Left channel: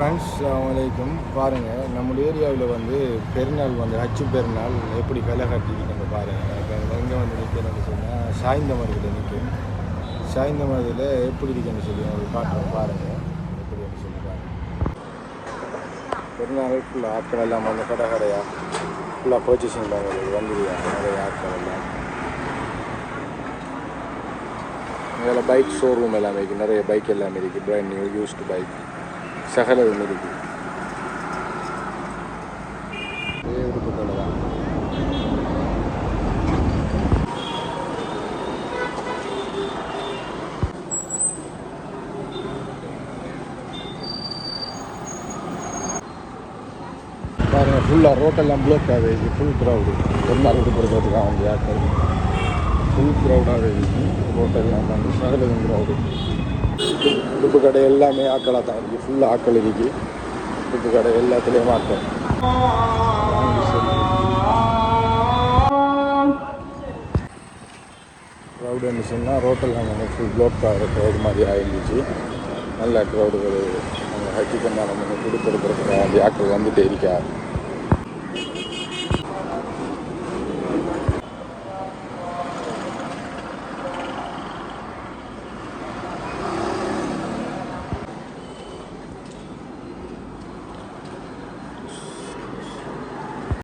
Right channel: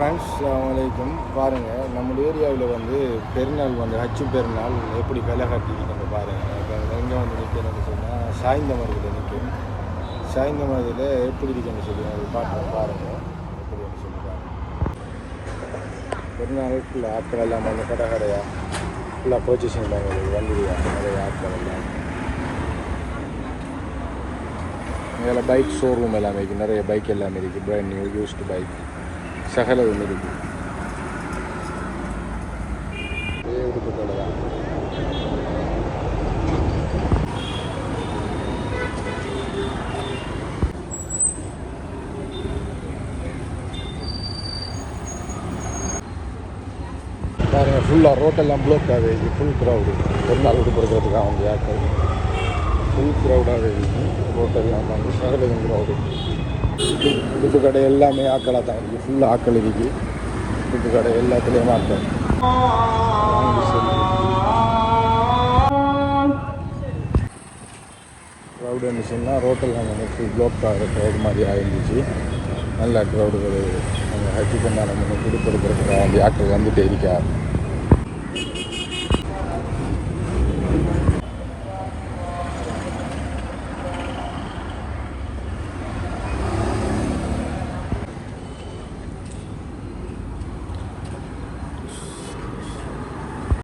Friends வலைக்கும் பாருங்கள் நம்ம ஏரியாவில் வந்து பெருநாள் வந்து ஹச்சு பெருநாள் எப்படி களை கட்டிட்டு பாருங்கள் இப்போ எங்கே வந்து நிற்கிறேன்னு சொன்னால் சாய்ந்த மரத்தில் நிற்கும் சாய்ந்த மரத்தில் எப்படி இருக்குன்னு சொல்லி உங்களுக்கு காட்டுறோம் பாருங்கள் எப்படின்னு சொல்லி பாருங்கள் பெருநாளுக்குள்ள ஃபுல்லாக ஆட்கள் எல்லாம் வந்து கடை கடையாக ஃபுல்லாக பர்ச்சேஸ் பண்ணுறாங்க வந்துருக்காங்க நிறைய ஆட்கள் எல்லாம். இதில் பைக் ஷோரூம் எல்லாமே இருக்குது நிறைய பைக் எல்லாமே இருக்குது பிராண்ட் நியூ யூஸ்டு பைக் சகலதும் இருக்குது ஃபுல்லாக ரோட்டெல்லாம் ப்ளோக் ஆகுது ஃபுல் க்ரௌடு பொண்ணாக கொடுக்குறதுக்காக வந்து ஆட்கள் ஃபுல் க்ரௌடாக இருக்குது ரோட்டெல்லாம் வந்து சகலதும் க்ரௌடு உடுப்பு கடை எல்லாமே ஆக்களாக தான் இருக்குது ஃபுல்லாக ஆக்கள் இருக்குது உடுப்பு கடை எல்லாத்துலேயும் ஆக்கள். க்ரௌடு என்ன சொன்னால் ரோட்டில் வந்து ஃபுல் ப்ளோக்காக க்ரௌடு மாதிரி ஆயிருந்துச்சு. நல்ல க்ரௌடுகள் அந்த ஹஜ்ஜு கண்டான முன்னே கொடுக்கறதுக்காக வேண்டிய ஆட்கள் வந்துட்டு இருக்கார்